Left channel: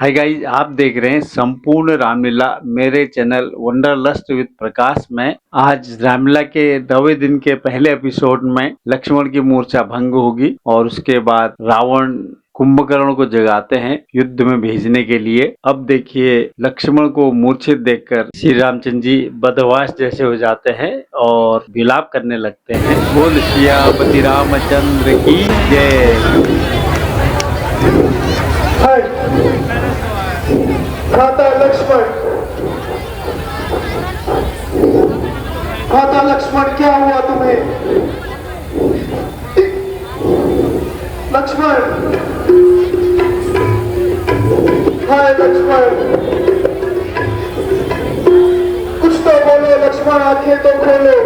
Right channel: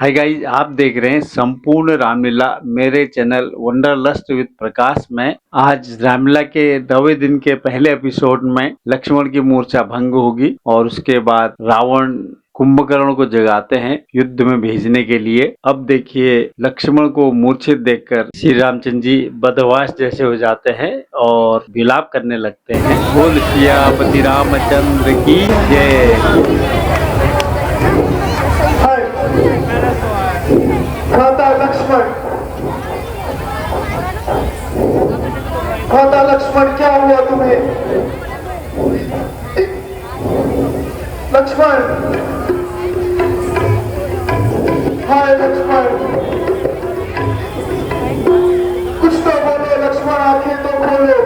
Hi guys, आप देख रहे हैं संपूर्ण रामलीला मेरे चैनल वंडरलस्ट विद प्रकाश में। आज रामलीला के 9वें दिन के पहले एपिसोड में लक्ष्मण की मूर्छा भंग होगी और उसके बाद रावण कुंभकर्ण को जगाते हैं युद्ध में भेजने के लिए। अब देखिए, लक्ष्मण को मूर्छित देखकर श्री रामचंद्र जी बदहवास जैसे हो जाते हैं और विलाप करने लगते हैं। बोल सियापति रामचंद्र की जय। भ्राता लक्ष्मण, भ्राता लक्ष्मण, क्या हुआ तुम्हें? लक्ष्मण, हाय लक्ष्मण, कुछ तो बोलो लक्ष्मण, आंखें तो खोलो,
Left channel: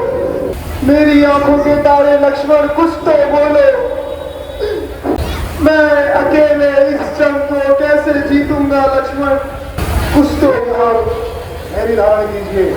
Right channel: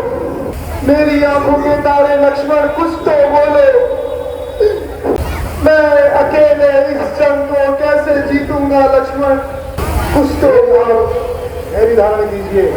मेरी आंखों के तारे लक्ष्मण, कुछ तो बोलो। मैं अकेले इस जंग को कैसे जीतूंगा लक्ष्मण? कुछ तो बोलो। मेरी धारण कीजिए।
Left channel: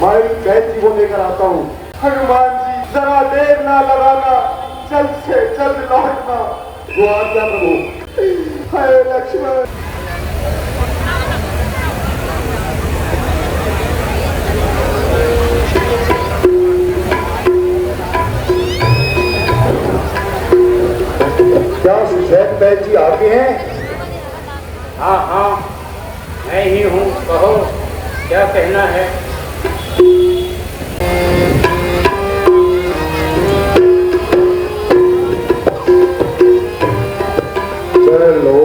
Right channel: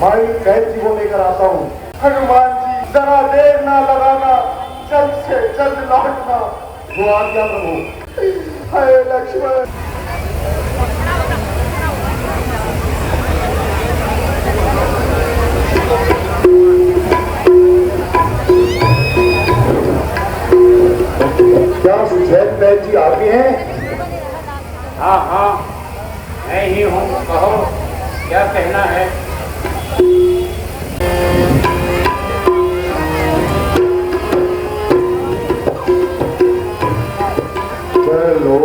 भाई बैठ जी को लेकर आता हूँ। हनुमान जी, जरा देर ना लगाना, जल्द से जल्द लौटना। वो आज्ञा प्रभु। हाय लक्ष्मण। क्या सुचैन बैठ जी आप ही हैं? हाँ हाँ, मैं ही हूँ, कहो क्या कहना है। चलो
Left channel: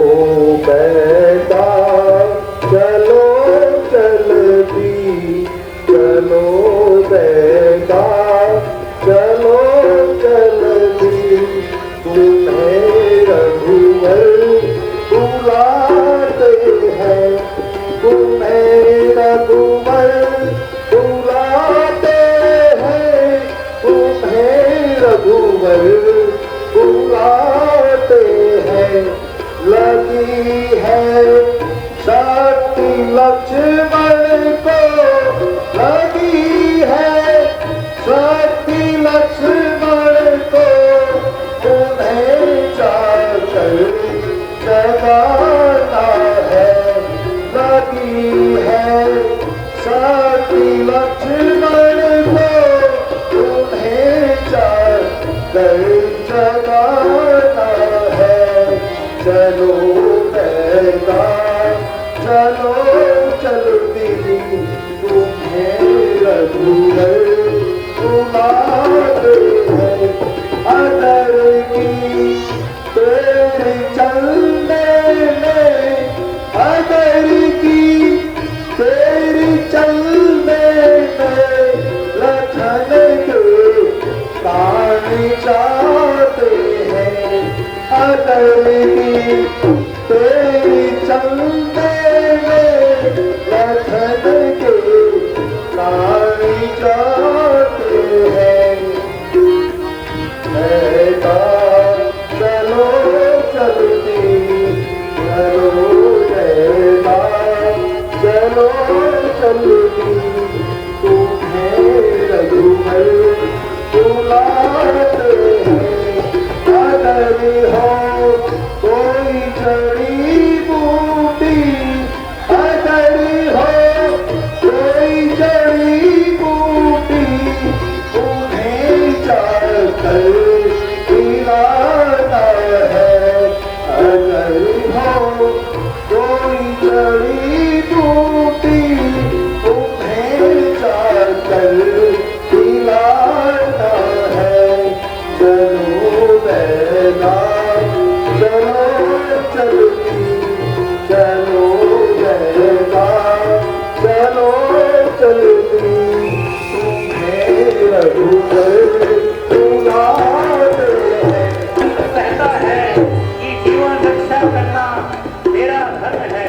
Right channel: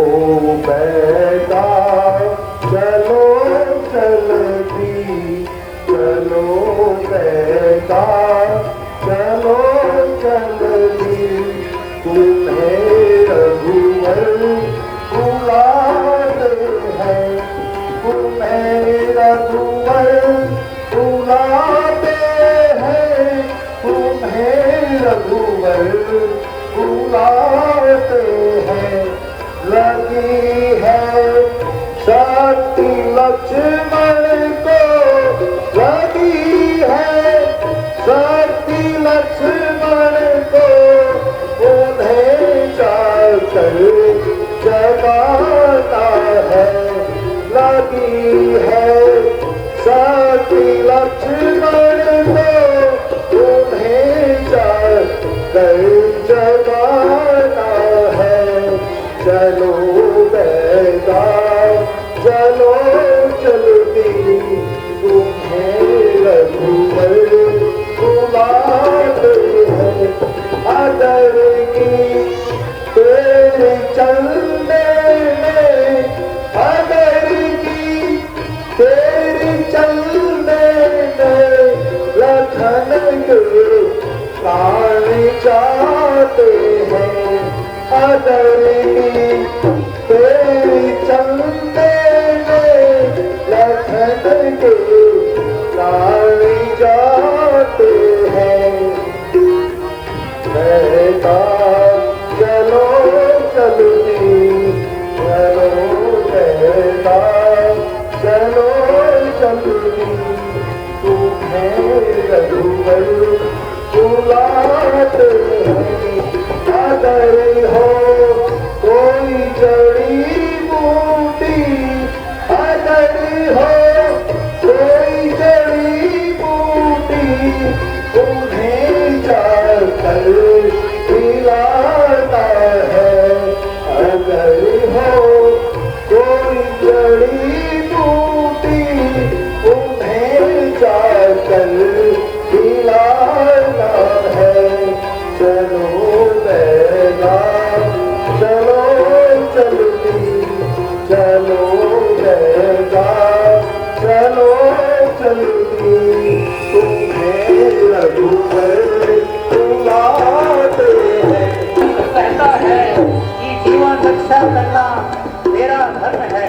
घर जगाना है, चलो बेटा चलो चलती तुम्हें रघुवर बुलाते हैं। अदर की तेरे चलने में, अदर की तेरे चलने में लखन के पानी चाहते हैं। अदर की तेरी चलने में लखन के पानी चाहते हैं। बेटा चलो चलती चलो बेटा चलो चलती तुम्हें रघुवर बुलाते हैं। अगर हो कोई जड़ी बूटी, अगर हो कोई जड़ी बूटी तुम्हें चाहकर पिलाना है। अगर हो कोई जड़ी बूटी तुम्हें चाहकर पिलाना है। चलो बेटा चलो चलती चलो बेटा चलो चलती तुम्हें रघुवर बुलाते हैं। कहता है कि जीवन रक्षा करना मेरा धर्म है।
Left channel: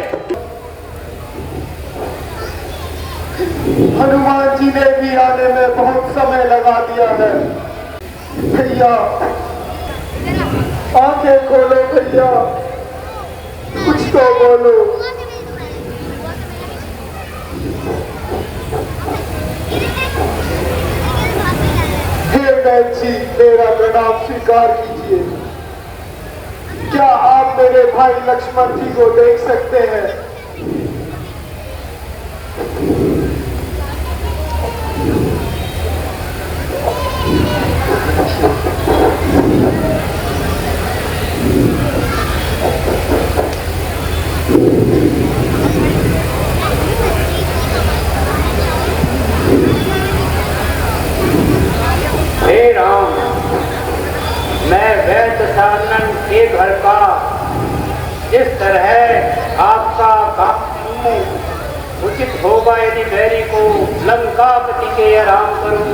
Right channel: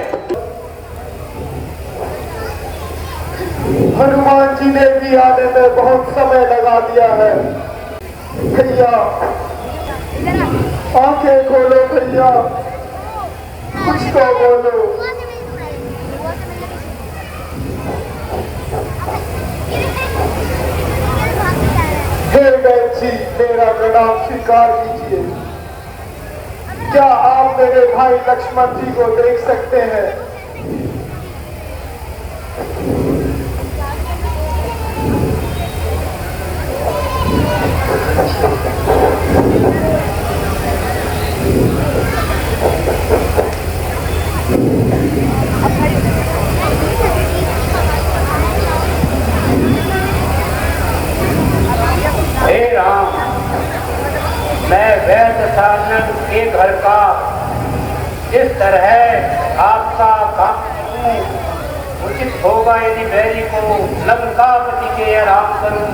हनुमान जी ने भी आने में बहुत समय लगा दिया है। भैया आंखें खोलो भैया, कुछ तो बोलो। हे बहन जी, मेरा प्रणाम स्वीकार कीजिए। क्या आप मेरे भाई लक्ष्मण जी को देख सकते हैं? हे राम, मैं वैद्य सानन के घर का जिस तरह आपका काम करूं, उचित होगा यदि बैरी को लंकापति के आराम करूं।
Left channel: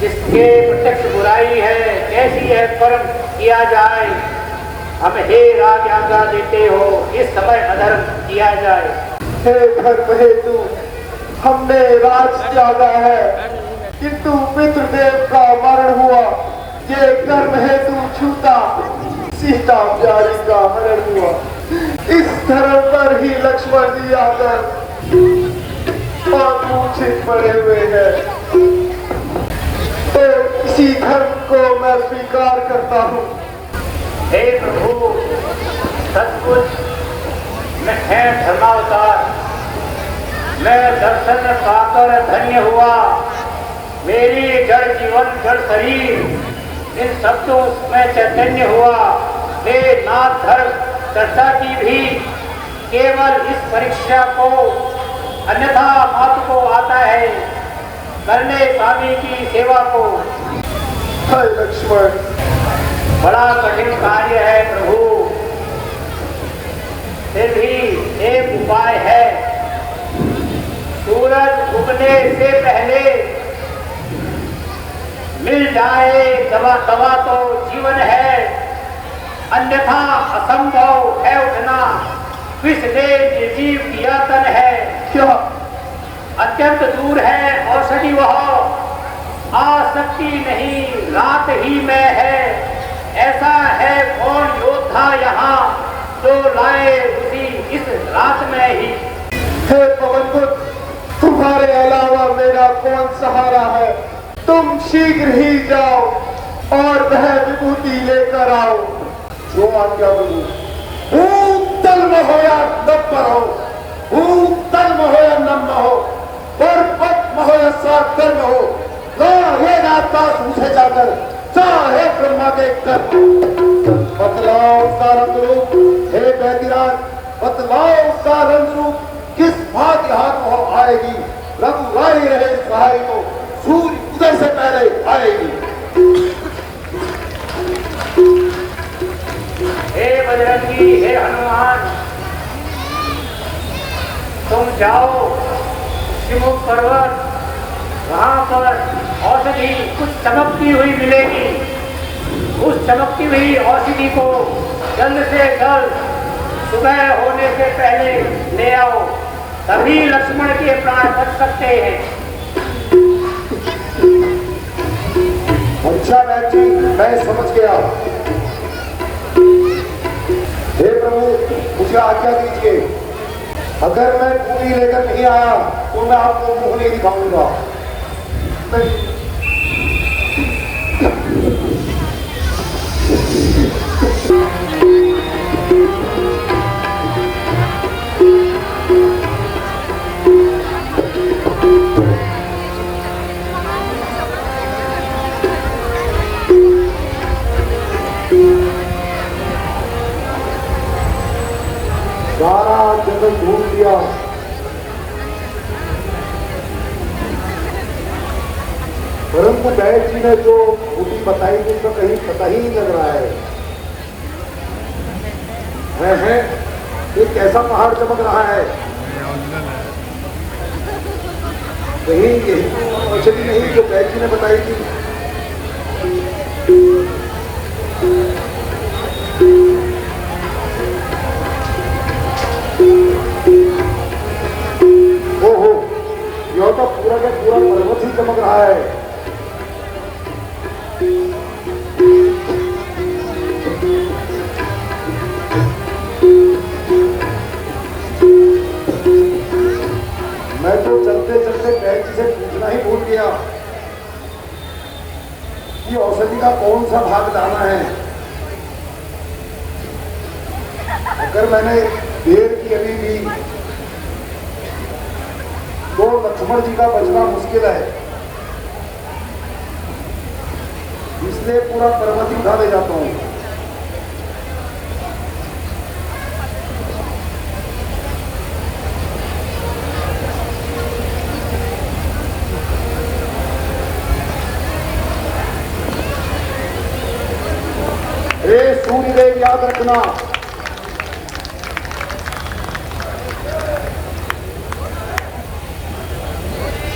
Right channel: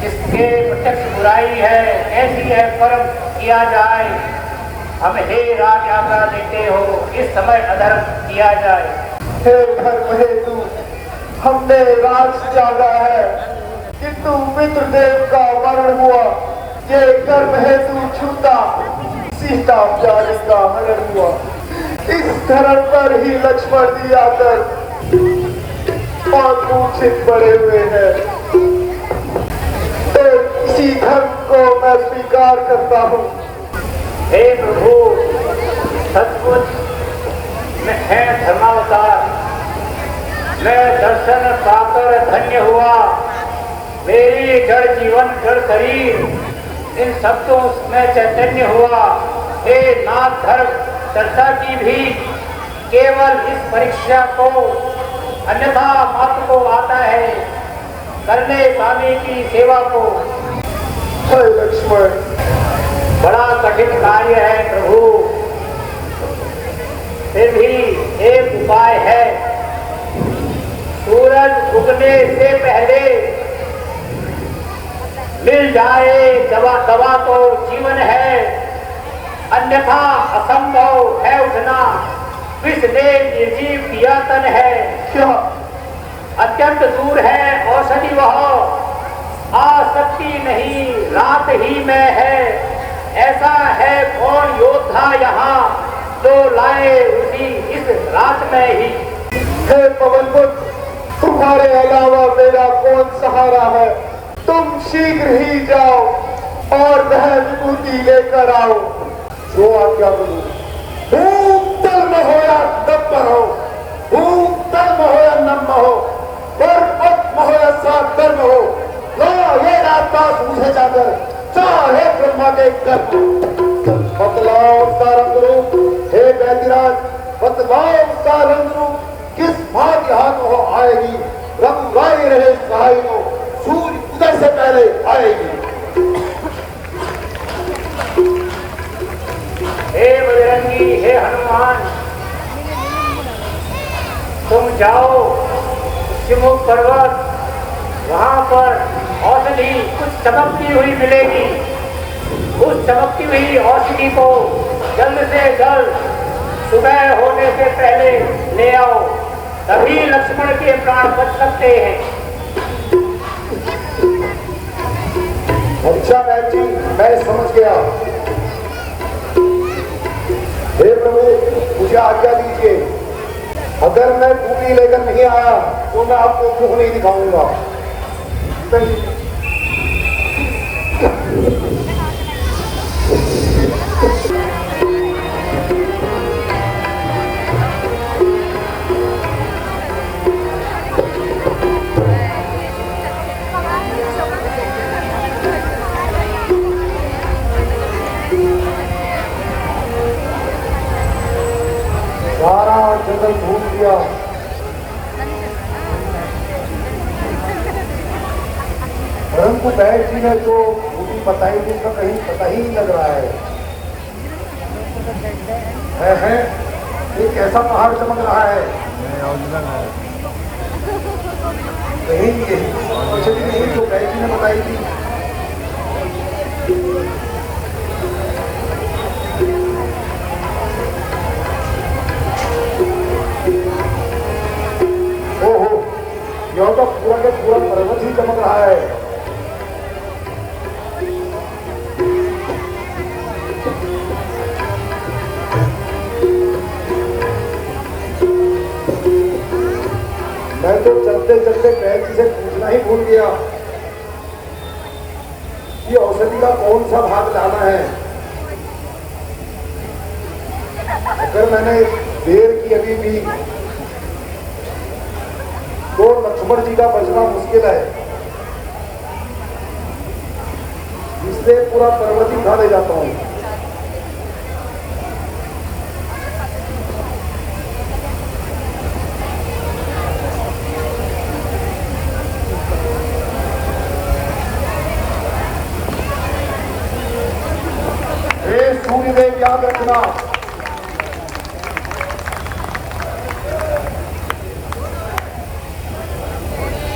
जिसके प्रत्यक्ष बुराई है, कैसी है कर्म किया जाए। हम हे राज आज्ञा देते हो, इस समय अधर्म किया जाए। हे घर बहेतु, हमने राज त्यागा है, किंतु पितृदेव का मरण हुआ। ये कर्म हेतु छूटा, सीता प्यारी का मरण हुआ। इस धर्म पर ही लक्ष्मण जी आकर मूर्छित पड़े हुए हैं। तो इसी धर्म को मैं स्वीकार करता हूँ। हे प्रभु, सचमुच मैं है धर्मावतार। मैं दर्शन पाकर धन्य हुआ। मेरी जड़ जीवन जड़ शरीर इन शब्दों में चैतन्य हुआ। हे नाथ, धर्म चर्चा की भी केवल इस परीक्षा को, अन्यथा मत को आता है करने स्वामी की सेवा को। हे लक्ष्मण, बड़ा कठिन कार्य है प्रभु, फिर भी एक उपाय है। सूरज उगने से पहले मिल जाए दवा तो जीवन है, अन्यथा असंभव है उठना। विष ने निर्जीव किया तन है, क्या अत्यंत दूर है औषधि वह। आसक्ति नहीं रात ही में है, ऐसा है कौन योद्धा यहाँ जो लाए उसी इस रात में ही। हे पवन पुत्र, तुम्हारे अलावा मेरा कौन सहारा है। तुम शीघ्र ही जाओ और वह विभूति लेकर आओ। वो आज्ञा करो। भूतल में हो या नब्बर हो, भूतल में हो या नम हो, पर्वत में हो या सागर में हो, ये रात मुझे जाकर चाहे देखकर बतलाओ उसका रंग रूप, हे बैदिराज बतलाओ उसका रंग रूप किस भांति हाथ हो आएगी। रघुराई रहे सहाय तो सूर्य उदय से पहले आएगी। हे बजरंगी, हे हनुमान, तुम जाओ शिमुख पर्वत, वहां पर औषधि कुछ चमकती हुई मिलेगी। उस चमकती हुई औषधि को जल्द से जल्द सुबह होने से पहले ले आओ, तभी लक्ष्मण के प्राण बच सकते हैं। अच्छा बहन जी, मैं समझ गया। हे प्रभु, मुझे आज्ञा दीजिए, अगर मैं भूमि लेकर नहीं आया तो मैं आपको मुंह नहीं दिखाऊंगा। सारा जंगल घूम लिया, परंतु बहन जी ने जो मुझे बताई थी उसका कहीं पता ही नहीं लग रहा है। ये कैसा पहाड़ चमक रहा है? कहीं यही तो औषधि नहीं जो बहन जी ने बताई थी। ओहो, यह तो पूरा के पूरा पर्वत ही चमक रहा है। मैं तो चलते चलते बहन जी से पूछना ही भूल गया कि औषधि का कौन सा भाग डालना है। अगर मैंने देर की अभी भी तो लक्ष्मण जी का बचना मुश्किल है, इसलिए पूरा पर्वत ही खा ले जाता हूं। हे सूर्यदेव याद रखना,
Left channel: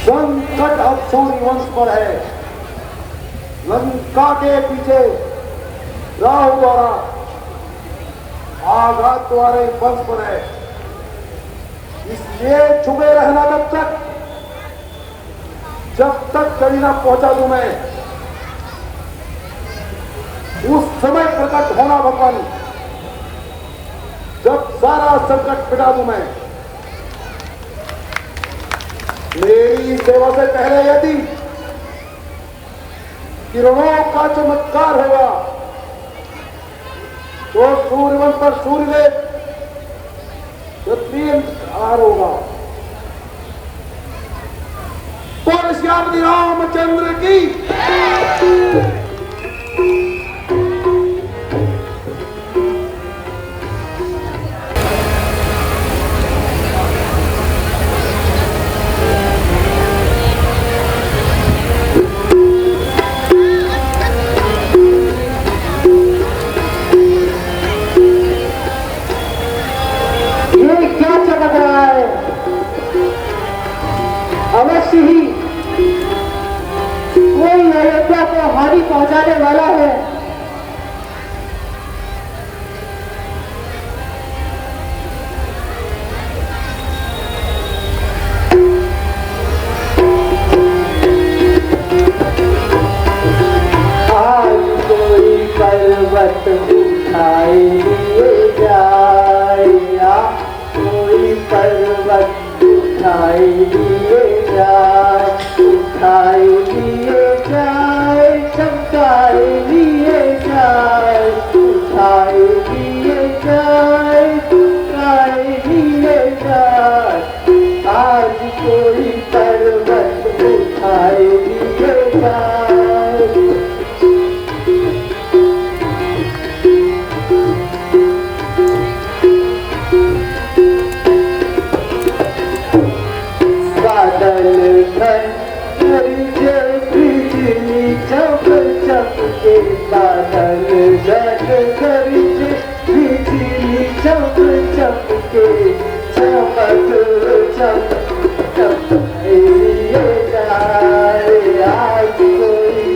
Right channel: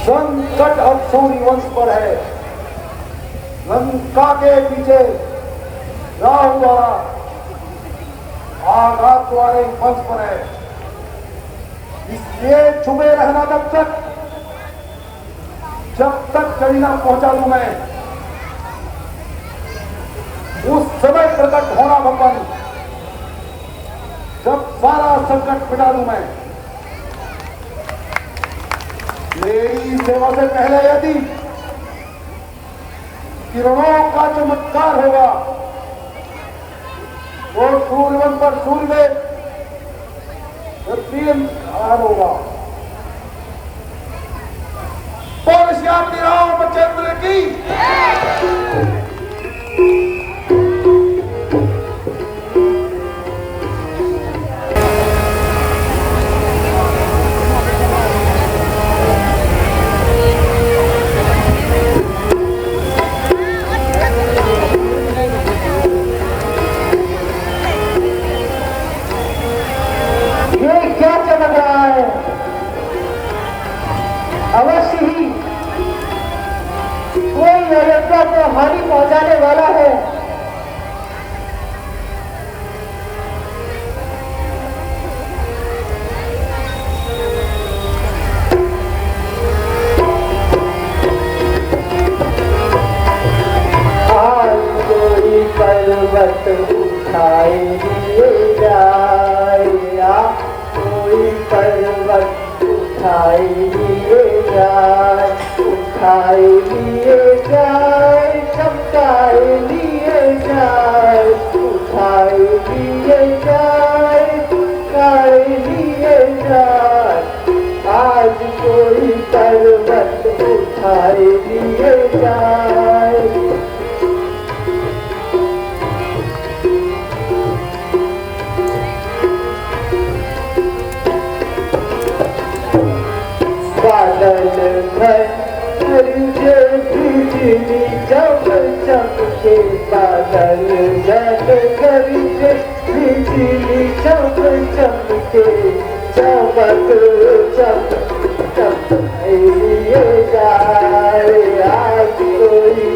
संकट अब सूर्य वंश पर है। लंका के पीछे राहु द्वारा आघात तुम्हारे वंश पर है, इसलिए छुपे रहना तब तक जब तक कहीं ना पहुंचा दूं मैं। उस समय प्रकट होना भगवान, जब सारा संकट मिटा दूं मैं। मेरी सेवा से पहले यदि किरणों का चमत्कार होगा तो सूर्यवंश पर सूर्यदेव पृथ्वी होगा। तो श्याम रामचंद्र की हानि पहुंचाने वाला है। कोई पर्वत उठाई लिए जाए, कोई पर्वत उठाई लिए जाए, उठाई लिए जाए, चमकाए लिए चम चमके बादल जल गरजे बिजली चम चमके चमक चम ये जाए आज कोई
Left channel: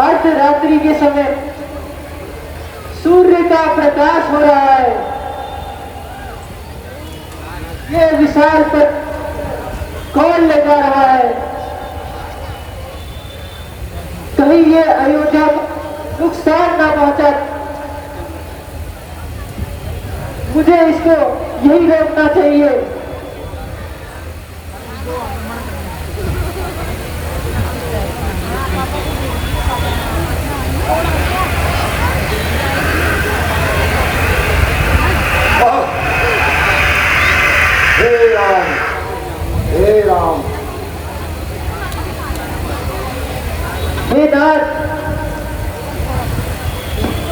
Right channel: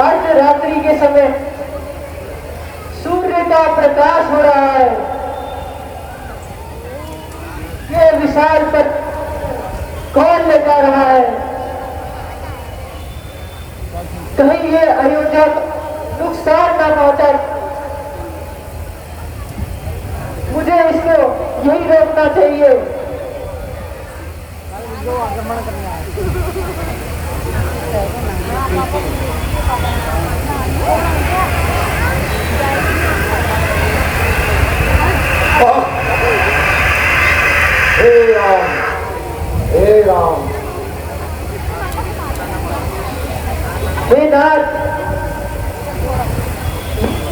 अर्धरात्रि के समय सूर्य का प्रकाश हो रहा है। ये विशाल पर कौन ले जा रहा है? कहीं ये अयोध्या को नुकसान ना पहुंचा। मुझे इसको यही रोकना चाहिए। हे राम हे नाथ,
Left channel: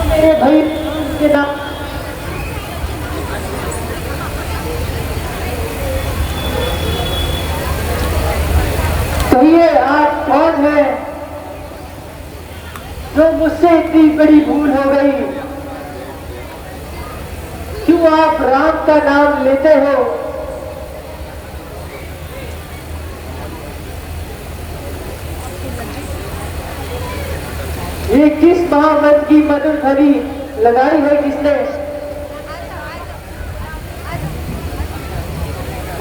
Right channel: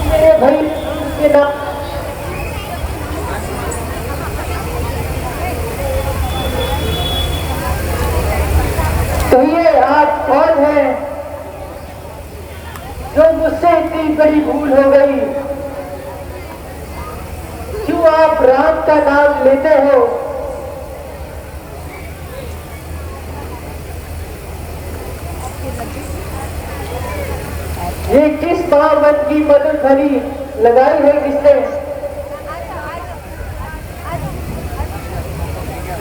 मेरे भाई के नाम कहिए आप कौन है जो मुझसे इतनी बड़ी भूल हो गई? क्यों आप राम का नाम लेते हो? ये किस मोहम्मद की मधुर ध्वनि लगाई है किसने?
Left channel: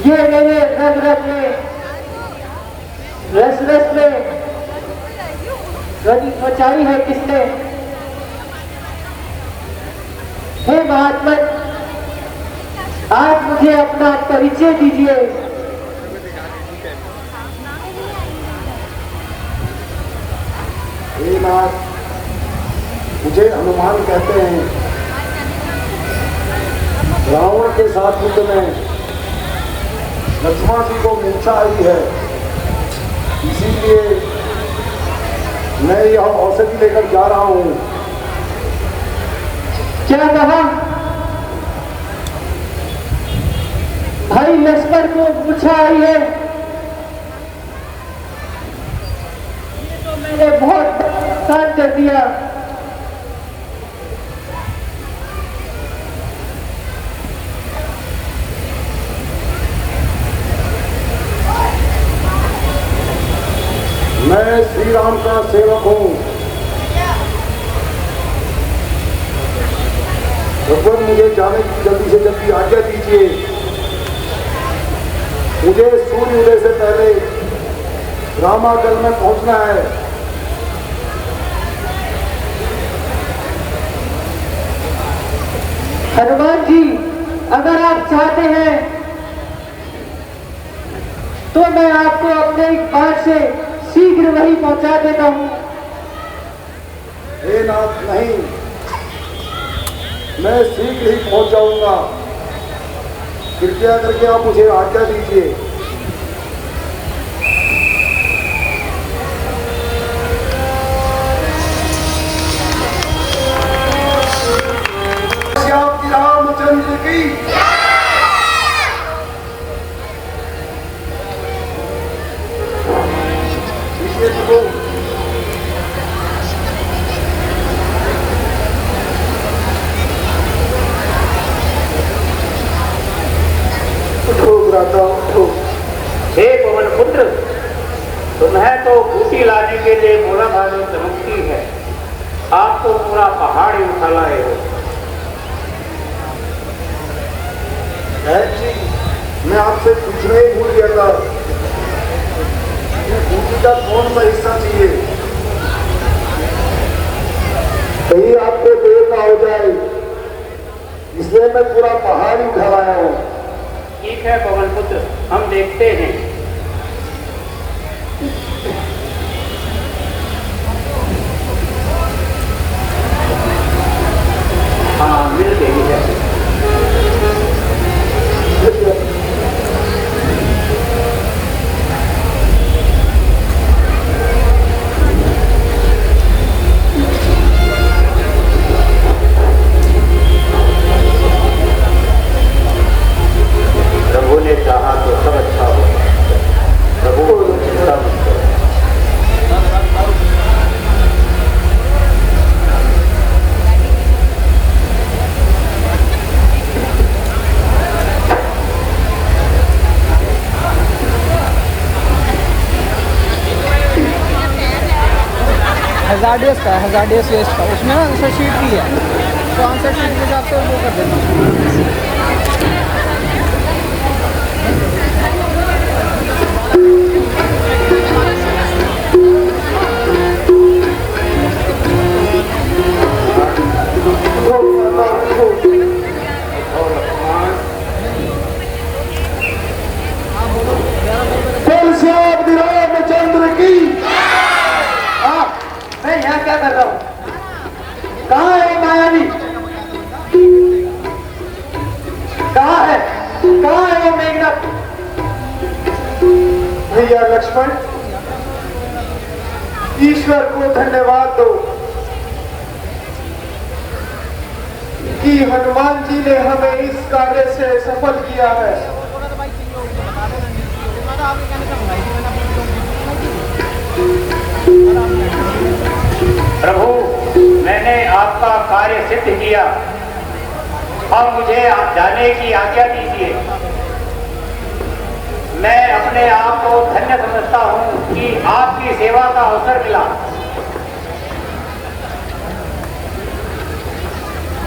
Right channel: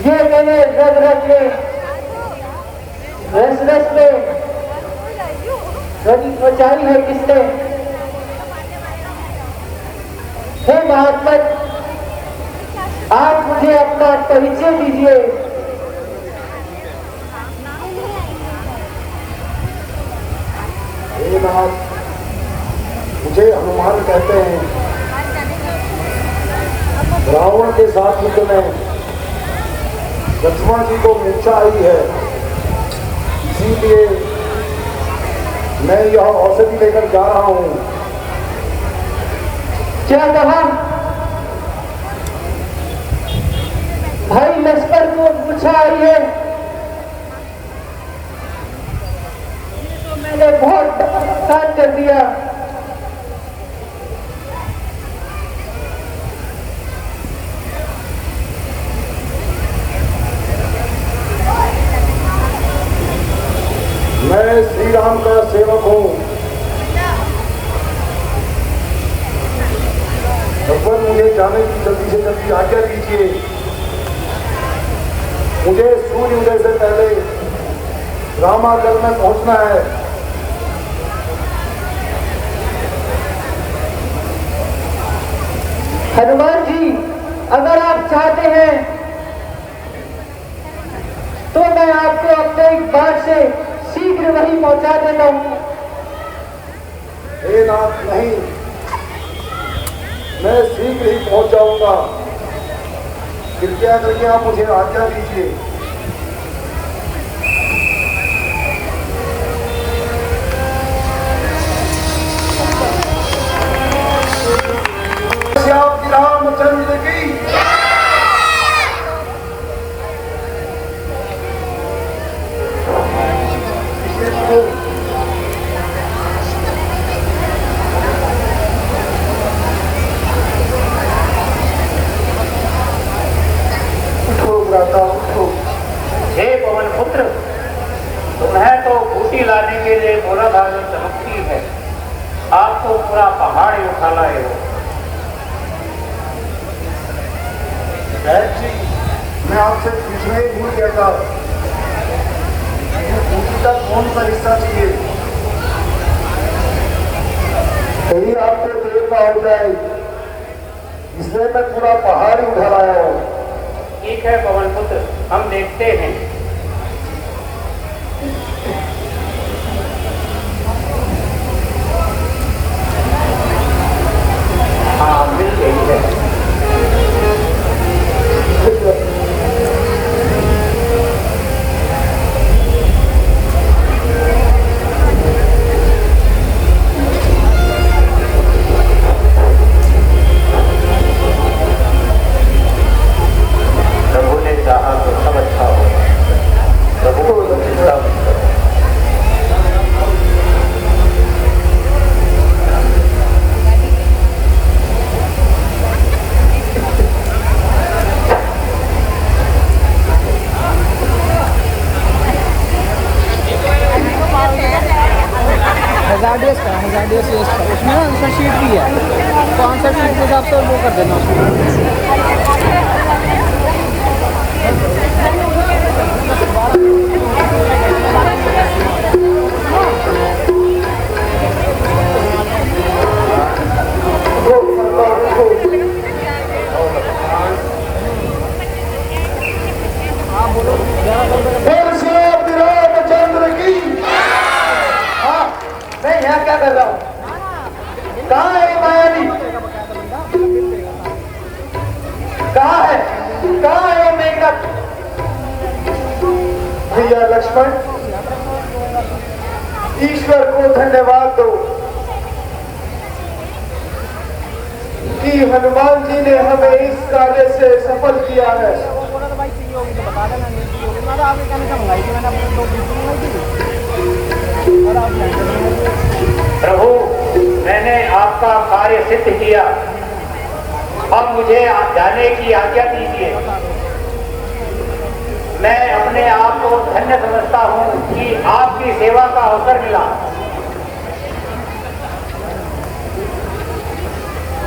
ये मेरे रग रग में रस रस में ध्वनि मचाई है किसने? हे महात्मा, आप मुझे अपना परिचय दीजिए। हे नाथ, मुझे हनुमान कहते हैं। रावण के साथ युद्ध में लक्ष्मण जी को मूर्छा आई है, इसीलिए मैं यह औषधि लेकर जा रहा हूँ। क्या कहा? भाई लश्कर को मूर्छा आई है? ये तो मैंने बहुत नुकसान कर दिया। मैं श्री राम का सेवक हूँ। भगवान मुझे जाने की जल्दी से जल्दी आज्ञा दीजिए। मुझे सूर्य उदय से पहले रामागढ़ में पहुंचना है। हनुमान जी, अगर आप चाहते हैं तो मैं आपको अपने एक बार से शीघ्र वहीं पहुंचा देता हूं। हे नाथ, नहीं, मैं शीघ्र ही पहुंच जाऊंगा। कृपया करके आप मुझे आज्ञा दीजिए। श्याम रामचंद्र की हे पवन पुत्र, तुम्हें तो बूटी लाने के लिए घोड़ा गाड़ी चलती है, आप तो पूरा पहाड़ ही उठा लाए हो। जी, मैं आपसे पूछना ही भूल गया था, बूटी का कौन सा हिस्सा चाहिए? कहीं आपको देर ना हो जाए, इसलिए मैं पूरा पहाड़ ही उठा लाया हूँ। ठीक है पवन पुत्र, हम देखते हैं। हाँ, मिल गई है। प्रभु ने चाहा तो सब अच्छा हो। प्रभु को चिंता मत करो। हज़ार्डियस वेस्ट का उसमें ना आंसर शीट भी है, तो आंसर शीट के हिसाब से वो कर देना उसमें। रामचंद्र की। हाँ, मैं यहाँ क्या कर रहा हूँ? कहाँ है ये मायावी? कहाँ है? कहाँ है वो मेघनाथ? भैया लक्ष्मण, ईश्वर को धन्यवाद दो कि हनुमान जी ने हमें इस कार्य से सफल किया है। प्रभु, मैंने आपका कार्य सिद्ध किया, अब मुझे आप जाने की आज्ञा दीजिए। मैं अपने आप को धन्य समझता हूँ कि आपकी सेवा का अवसर मिला।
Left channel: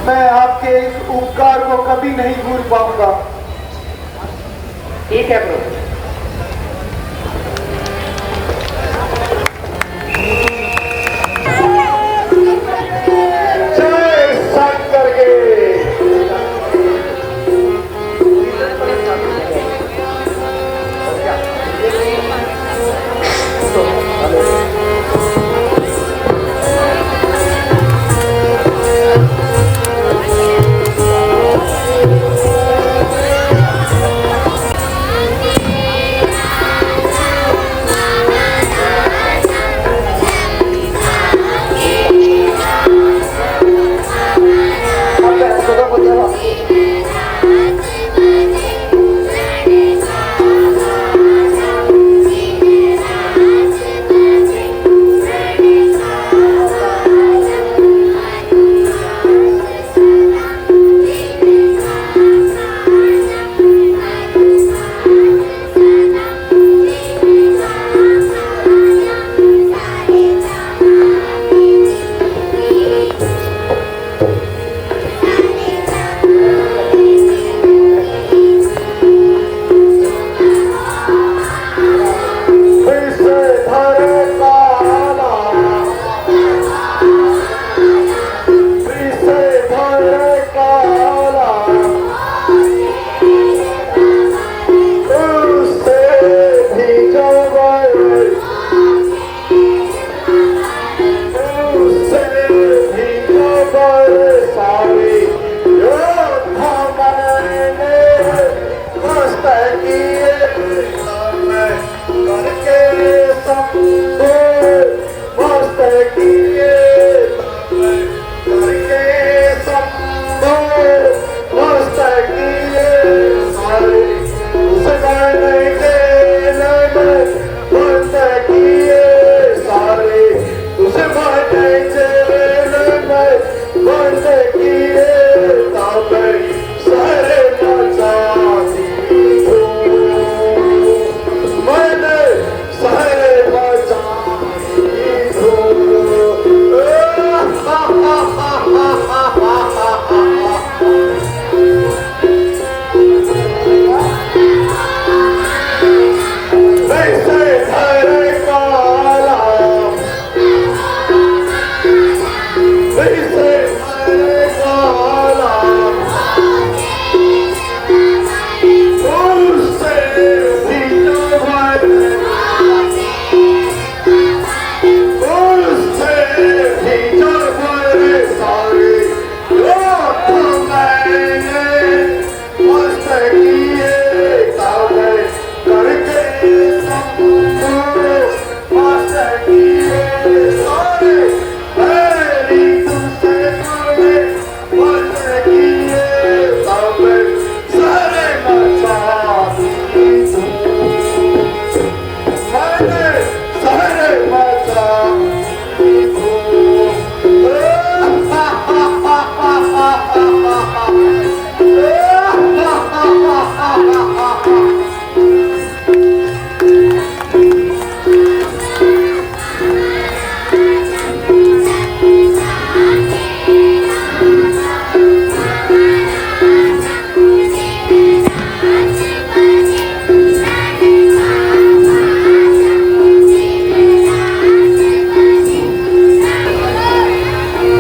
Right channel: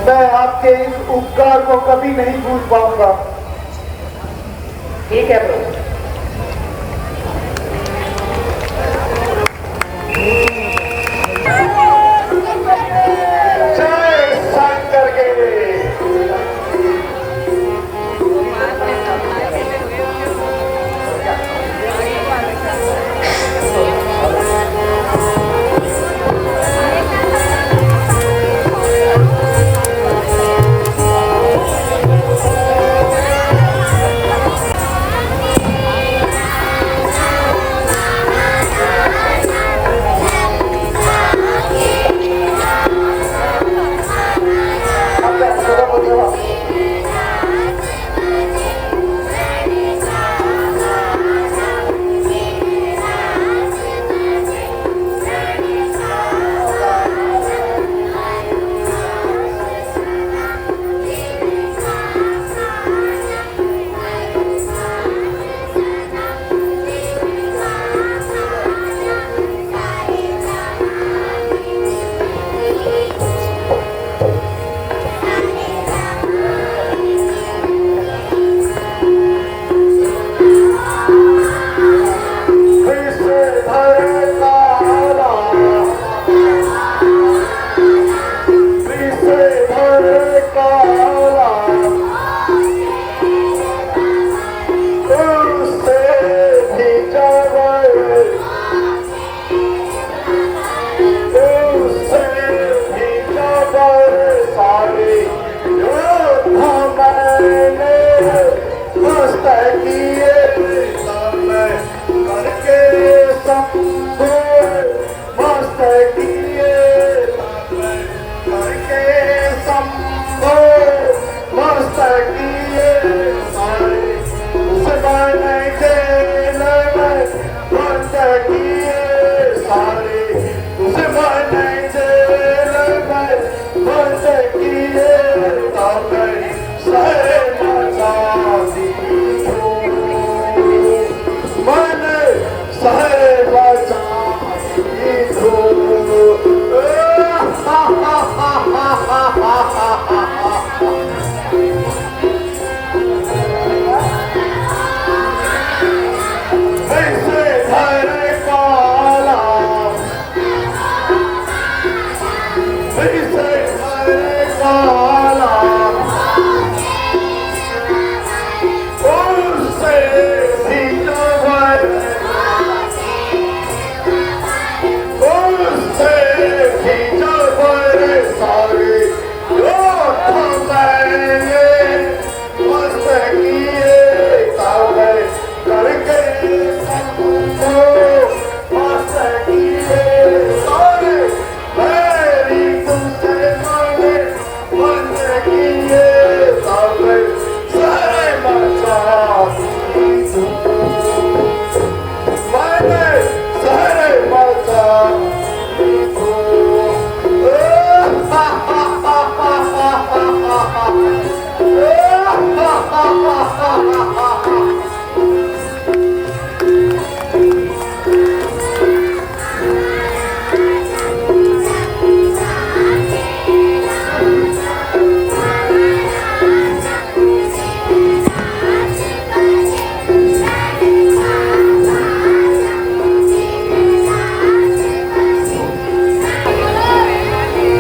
मैं आपके इस उपकार को कभी नहीं भूल पाऊंगा। ठीक है प्रभु। जय शंकर के।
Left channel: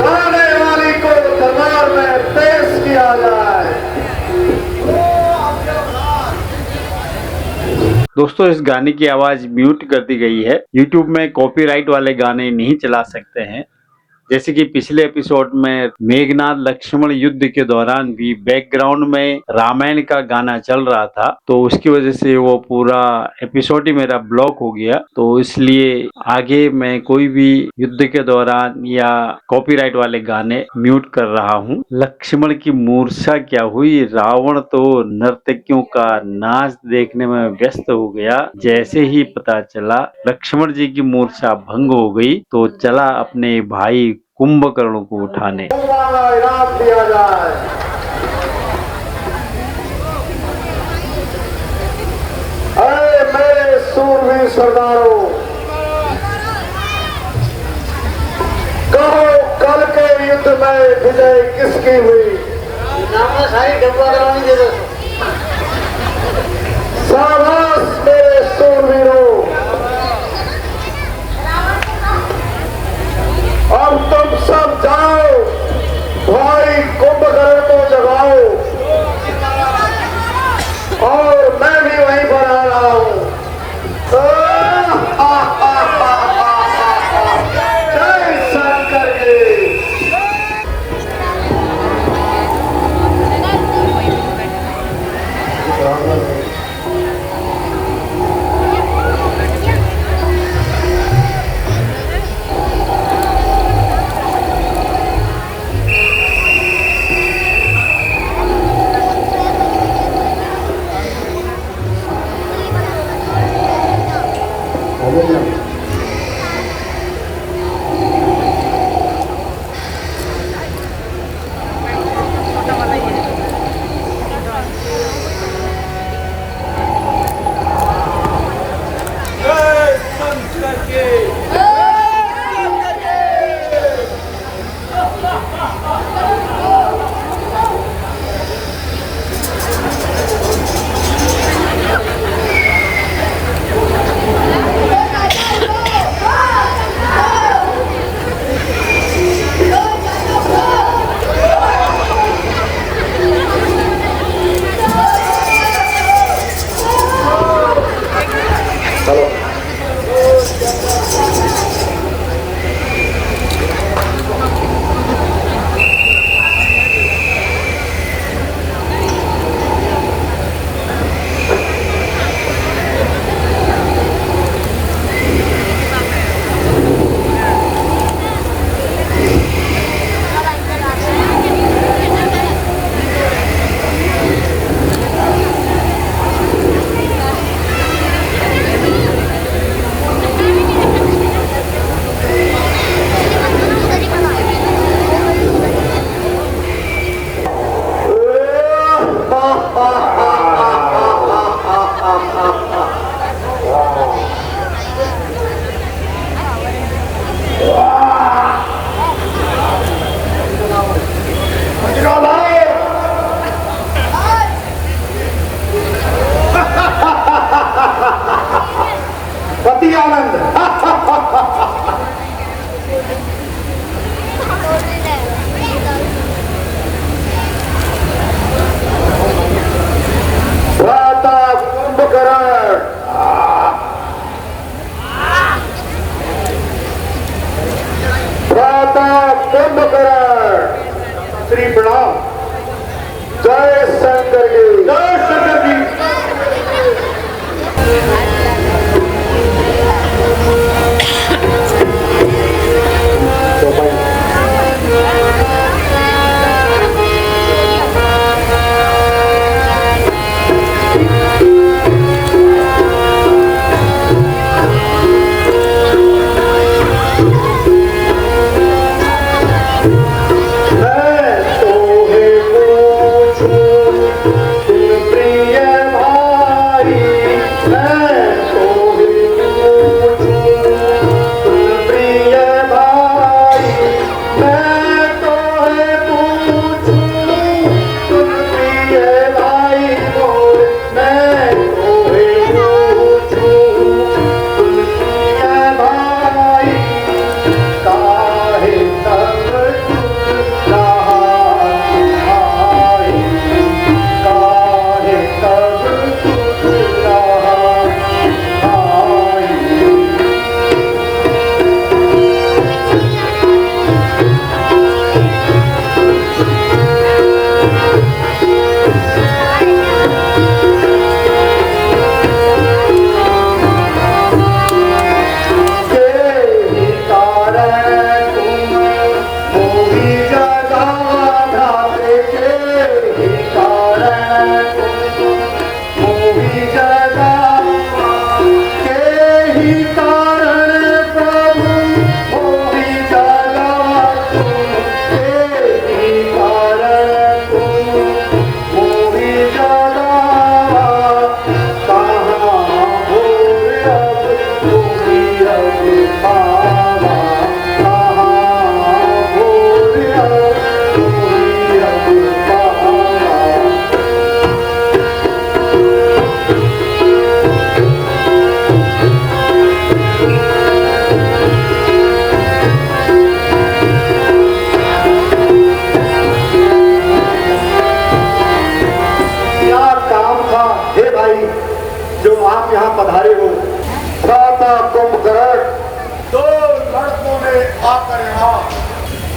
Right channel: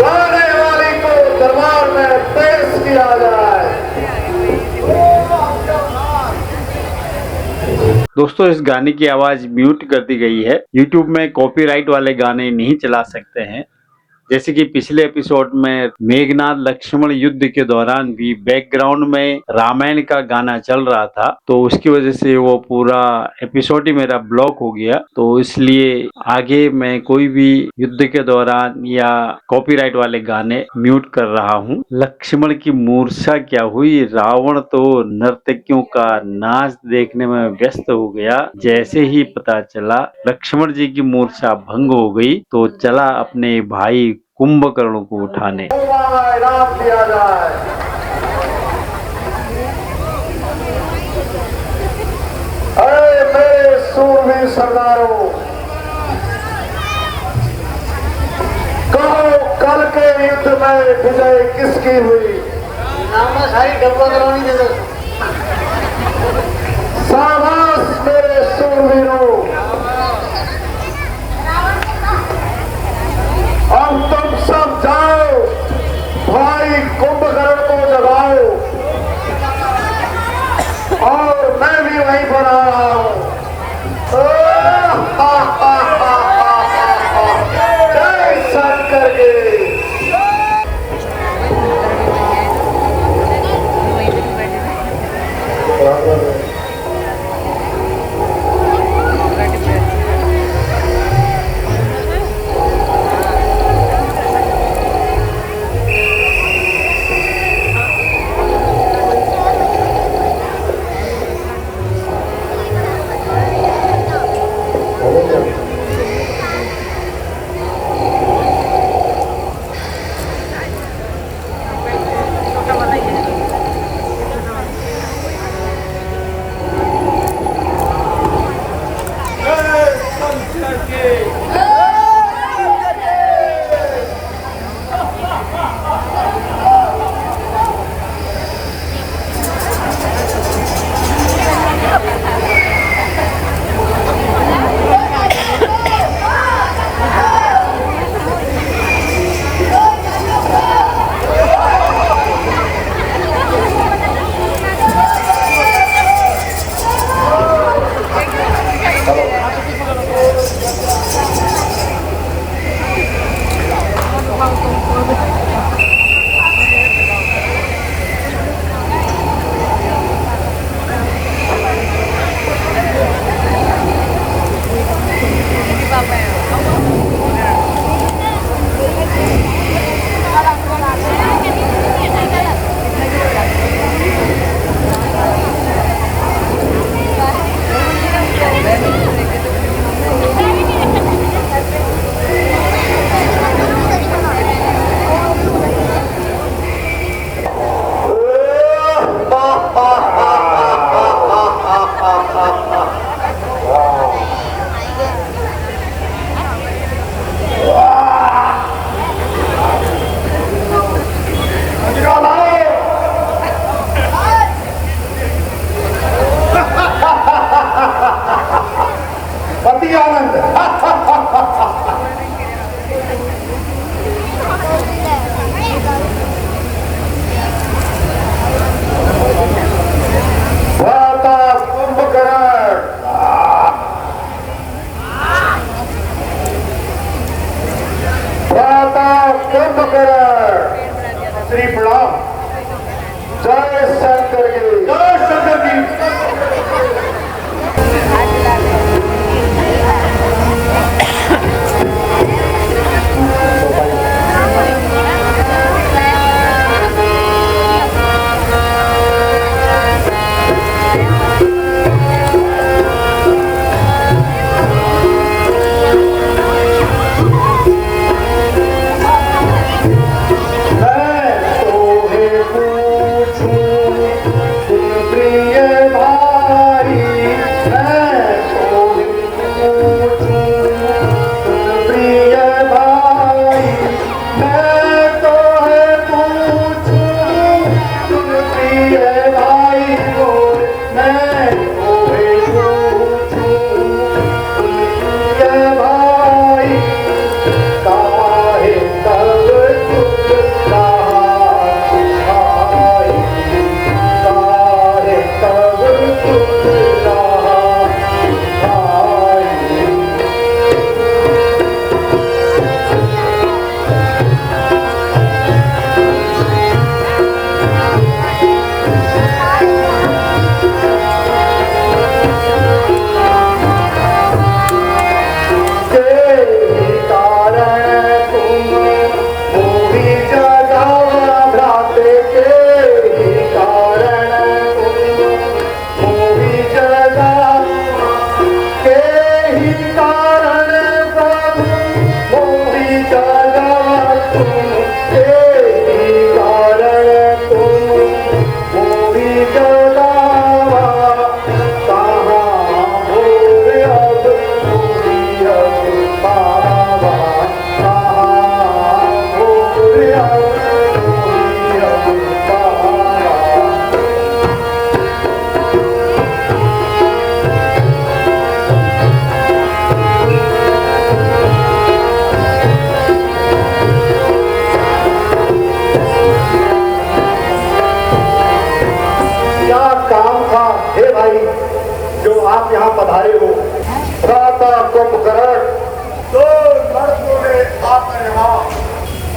गाने वाली को दरबार में पेश किया जाए। दोस्तों इस गाने की आवाज म्यूट कर दी गई है। यूट्यूब में कॉपीराइट वाले गाने नहीं चला सकते हैं। जैसे कि पिछले एपिसोड में मेघनाथ लक्ष्मण युद्ध के दौरान भी बैकग्राउंड में रामायण का गाना चल रहा था, तो उसकी वजह से वो पूरा एपिसोड ही मेरा ब्लॉक हो गया। तो इसलिए आगे मैं कोई भी युद्ध के दौरान या कॉपीराइट वाले गाने म्यूट कर रहा हूँ। लक्ष्मण की मूर्छा क्या हुई, रावण तो नर्तकियों का नाच देखने में व्यस्त हो गया। जैसे ही पता चला लक्ष्मण जी की मूर्छा भंग हो गई तो चला अपने भाई कुंभकर्ण को उठाने। इनाम दिया जाए। अरे मेरे सूरवीर सरदारों, कहो कल के युद्ध में विजय किसकी हुई? शाबाश मेरे सूरवीरों, अब तुम सब जाओ, भाई कुंभकर्ण को जगाओ और मैं भी वहीं पर आ रहा हूँ। जय शंकर के। जय शंकर की जय शंकर की।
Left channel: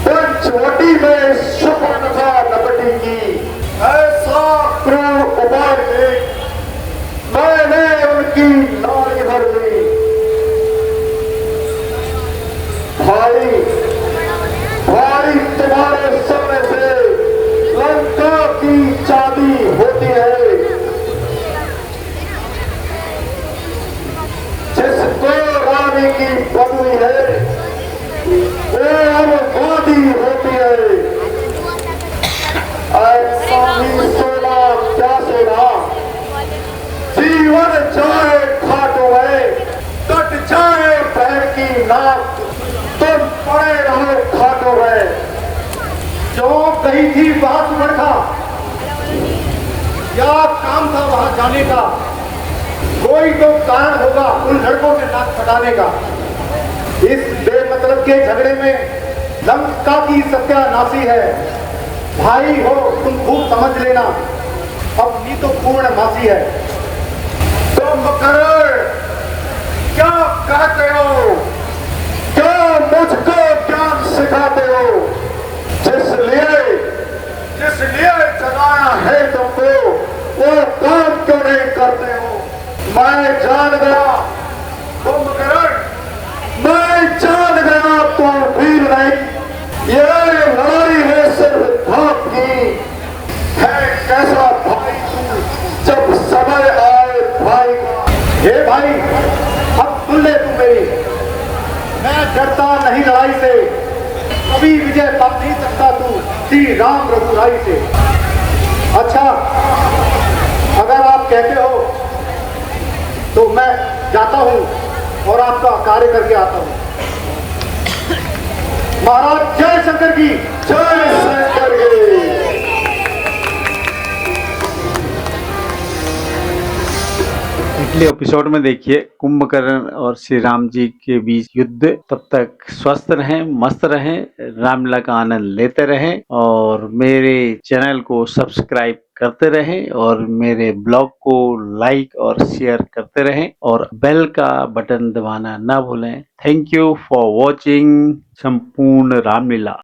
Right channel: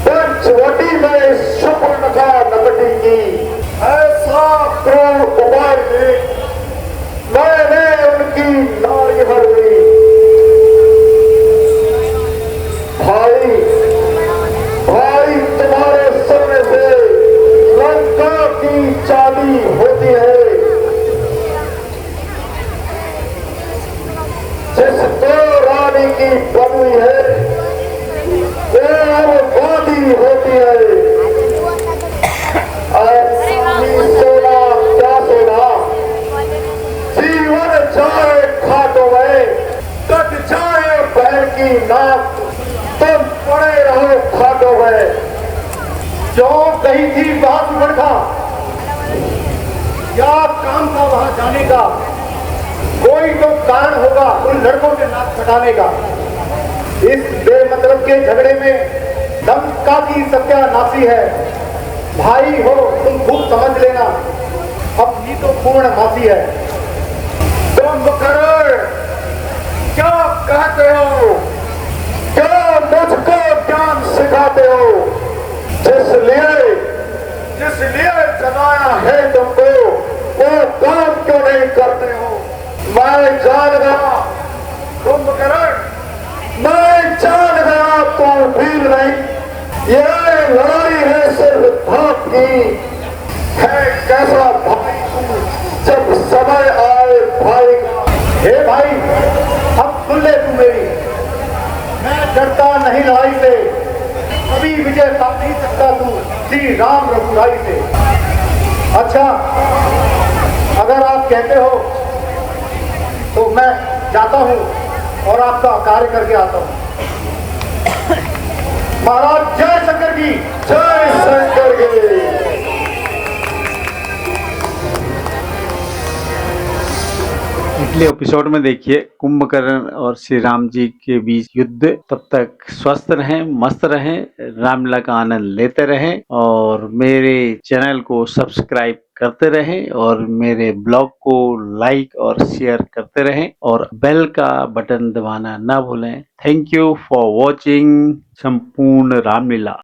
पंचवटी में सुपर्णखा नकटी की ऐसा क्रूर उबार देख मैंने उनकी नाड़ी भर दी। भाई भाई तुम्हारे सामने से लंका की चांदी होती है, जिसको रानी की बदली है होती है। ऐसा ही सोना क्या सोना, जीवन जाए घाटों में कट जाए पैर की नाक, तुम पड़े रहो घाटों में। जो कही थी बात लड़का, या काम था वहां जाने का, कोई तो कारण होगा उन लड़कों के नाक कटाने का। इस बेमतलब के झगड़े में लंका की सत्यानाशी है। भाई हो तुम खूब समझ लेना, अपनी तो पूर्ण मासी है। तुम करण क्या कहते हो, क्या मुझको ज्ञान सिखाते हो, जिसलिए जगाया है तुमको वो काम क्यों नहीं करते हो। मैं जान गया कुंभकर्ण, मैं जान गया तो भील नहीं, ये लड़ाई है सिर्फ धाक की। है कैसा भाई तू जब समय आए भाई का। हे भाई अब सुन ले तू मेरी, मैं डरता नहीं लड़ाई से, कभी विजय पा नहीं सकता तू श्री राम रघुराई से। अच्छा अगर आप कहते हो तो मैं जाता हूं और आपका कार्य करके आता हूं। महाराज जय शंकर की जय शंकर की। अगले एपिसोड में देखिए कुंभकर्ण और श्री राम जी के बीच युद्ध। तब तक स्वस्थ रहें, मस्त रहें, रामलीला का आनंद लेते रहें और मेरे चैनल को सब्सक्राइब करते रहें और मेरे ब्लॉग को लाइक और शेयर करते रहें और बेल का बटन दबाना ना भूलें। थैंक यू फॉर वॉचिंग संपूर्ण रामलीला।